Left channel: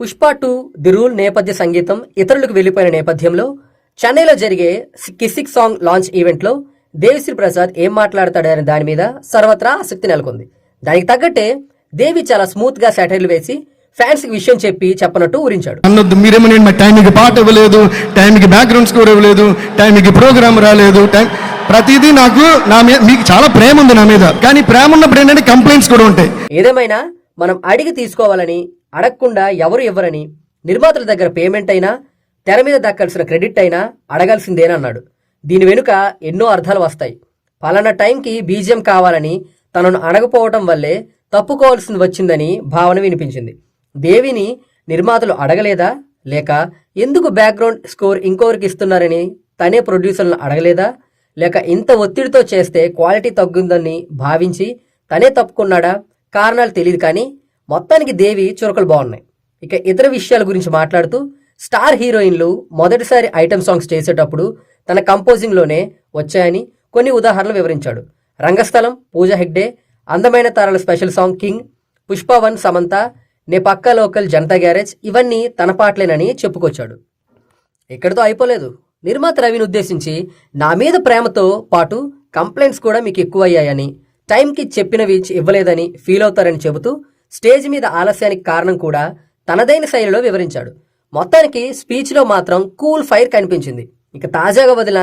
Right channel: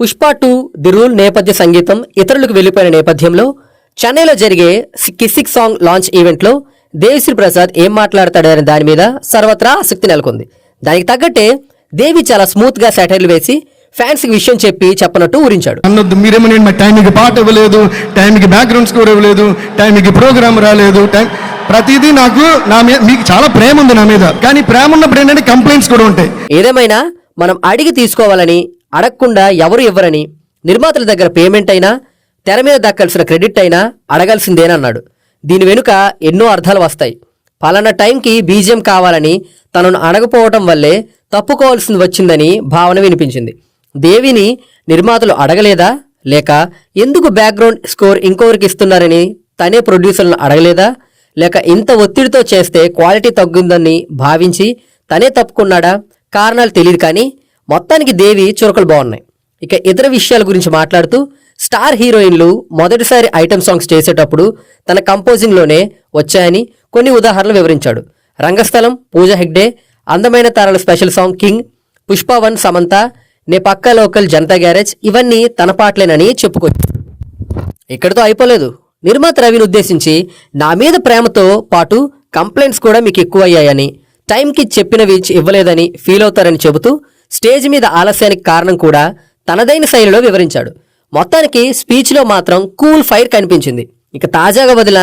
Pushpa two the rule నేపథ్య సంగీతం ఇతరులకు వెళ్ళిపోయిన నేపథ్యంలో చెన్నైలో జరిగే కిసిక్ సాంగ్ లాంచ్ ఈవెంట్లో దేవిశ్రీ ప్రసాద్ ఏం మాట్లాడతాడనే దాని మీద సర్వత్రా ఆసక్తి నెలకొంది. దానికి తగ్గట్టే దేవి చాలా స్మూత్గా వేసి ఫ్యాన్స్ విషయం చెప్పి చెప్పనట్టు ఊరించాడు. ఏదేమైనా మనం అడిగి తీసుకోవాలని అడగకుండా ఎవరు ఇవ్వరని నిర్మాతల దగ్గర పేమెంట్ అయినా తెర మీద దక్కాల్సిన క్రెడిట్ అయినా అడగాల్సిందేనన్నాడు. దీని వెనుక ఎన్నో అర్థాలు వస్తాయి. పలానా టైంకి బీజియం కావాలని తనను అడగపోవటం వల్లే తప్పుకోవాల్సింది వచ్చిందని భావన వినిపించింది. దేవిని నిర్మాతలు అడగలేదా? లేక ఎందుకు బ్యాక్గ్రౌండ్ స్కోర్ ఇంకొకరికి ఇస్తున్నారని తనే ప్రొడ్యూసర్లను అడగలేదా? లేక ఇంత ఒత్తిడితో చేస్తే క్వాలిటీ తగ్గుందని భావించి తనే తప్పుకున్నాడా? కారణాలు తెలియదు కానీ మొత్తానికి దేవి చురకలు బాగున్నాయి. ఇక ఇతర విషయాల గురించి మాట్లాడుతూ స్టార్ హీరోయిన్లు మొదటిసారి ఐటమ్ సాంగ్స్ చేసేటప్పుడు తన కంపోజింగ్లోనే వచ్చాయని కొన్ని ఉదాహరణలు వివరించాడు. రంగస్థలం పూజ హెగ్డే అందమైన తారల స్పెషల్ సాంగ్ కింగ్ పుష్పవన్ సమంత నే పక్క లోకల్ జనతా గ్యారేజ్ ఇవన్నీ తన పాటలేనని చెప్పుకొచ్చాడు. ఇక్కడితో అయిపోలేదు. నిర్మాత రవిని ఉద్దేశించి నా మీద ప్రేమతో పాటు కంప్లైంట్స్ కూడా మీకు ఎక్కువ అయ్యాయని టైంకి చెప్పినవి ఇవ్వలేదని ఫీల్ అవుతారని చెబుతూ స్టేజ్ మీద ఆలస్యానికి కారణం కూడా తనదైన శైలిలో వివరించాడు. మొత్తానికి స్పీచ్లో మాత్రం కూల్ ఫైర్ కనిపించింది. ఇక తాజాగా వదిలిన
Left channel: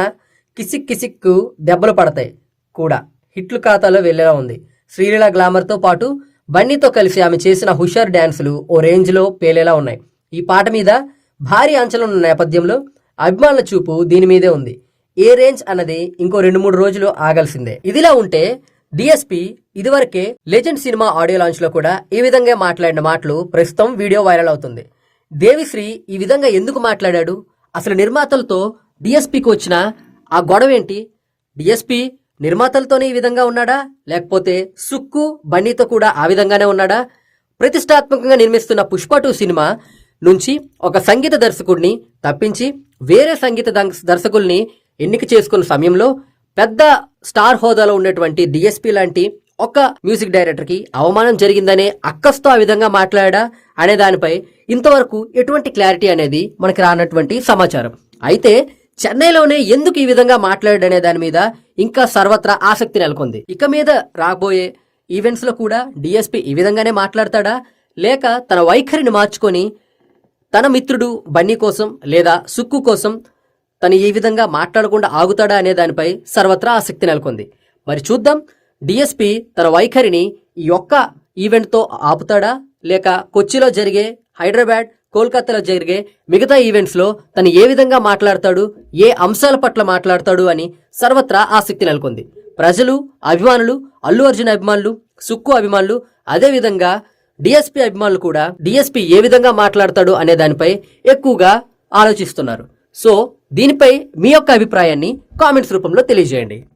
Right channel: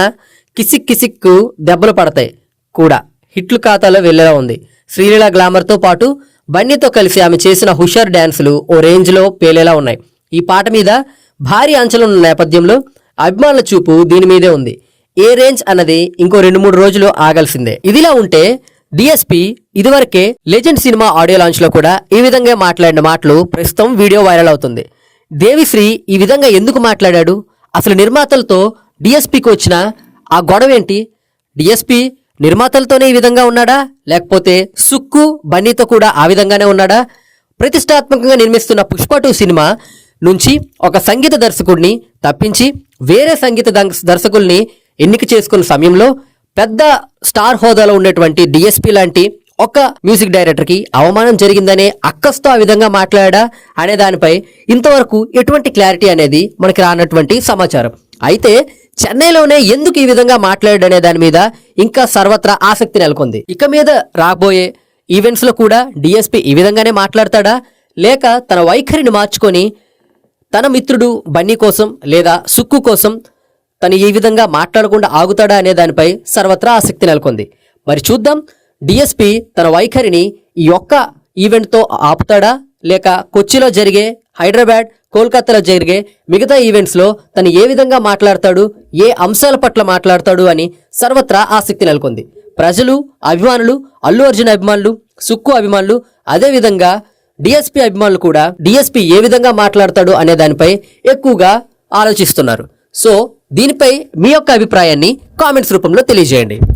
కిసిక్ కిసిక్కు దెబ్బలు పడతాయి కూడా. హిట్లు ఖాతాలో వెళ్ళేలా ఉంది. శ్రీలీల గ్లామర్తో పాటు బన్నీతో కలిసి ఆమె చేసిన హుషార్ డ్యాన్సులు ఓ రేంజ్లో పేలేలా ఉన్నాయి. ఈ పాట మీద భారీ అంచలున్న నేపథ్యంలో అభిమానుల చూపు దీని మీదే ఉంది. ఏ రేంజ్ అన్నది ఇంకో రెండు మూడు రోజులు ఆగాల్సిందే. ఇదిలా ఉంటే డిఎస్పీ ఇదివరకే లెజెండ్ సినిమా ఆడియో లాంచ్లో కూడా ఈ విధంగా మాట్లాడిన మాటలు ప్రస్తుతం వీడియో వైరల్ అవుతుంది. దేవిశ్రీ ఈ విధంగా ఎందుకు మాట్లాడాడు? అసలు నిర్మాతలతో డిఎస్పీకి వచ్చిన ఆ గొడవ ఏంటి? డిఎస్పీ నిర్మాతలతోనే ఈ విధంగా ఉన్నాడా? లేకపోతే సుక్కు బన్నీతో కూడా ఆ విధంగానే ఉన్నాడా? ప్రతిష్టాత్మకంగా నిర్మిస్తున్న పుష్ప టూ సినిమా నుంచి ఒక సంగీత దర్శకుడిని తప్పించి వేరే సంగీత దర్శకుల్ని ఎన్నిక చేసుకున్న సమయంలో పెద్ద స్టార్ హోదాలో ఉన్నటువంటి డిఎస్పీ లాంటి ఒక మ్యూజిక్ డైరెక్టర్కి అవమానం జరిగిందనే అక్కస్తో ఆ విధంగా మాట్లాడా అనే దానిపై ఇంతవరకు ఎటువంటి క్లారిటీ అనేది మనకి రానటువంటి సమాచారం. అయితే చెన్నైలోనే ఎందుకు ఈ విధంగా మాట్లాడాడనే దాని మీద ఇంకా సర్వత్రా ఆసక్తి నెలకొంది. ఇక మీద రాబోయే ఈవెంట్స్లో కూడా డిఎస్పీ ఈ విధంగానే మాట్లాడతాడా? లేక తన వైఖరిని మార్చుకొని తన మిత్రుడు బన్నీ కోసం లేదా సుక్కు కోసం తను ఈ విధంగా మాట్లాడకుండా ఆగుతాడా అనే దానిపై సర్వత్రా ఆసక్తి నెలకొంది. మరి చూద్దాం డిఎస్పి తన వైఖరిని ఈ ఒక్క ఈవెంట్తో ఆపుతాడా? లేక కొచ్చిలో జరిగే హైదరాబాద్ కోల్కతాలో జరిగే మిగతా ఈవెంట్స్లో తను ఏ విధంగా మాట్లాడతాడు ఏ అంశాల పట్ల మాట్లాడతాడు అని సర్వత్రా ఆసక్తి నెలకొంది. ప్రజలు అభిమానులు అల్లు అర్జున్ అభిమానులు సుక్కు అభిమానులు అదేవిధంగా డిఎస్పి అభిమానులు కూడా డిఎస్పి ఏ విధంగా మాట్లాడతాడు అనే దానిపై ఎక్కువగా ఆలోచిస్తున్నారు. సో దీనిపై మీ యొక్క అభిప్రాయాన్ని కామెంట్స్ రూపంలో తెలియజేయండి.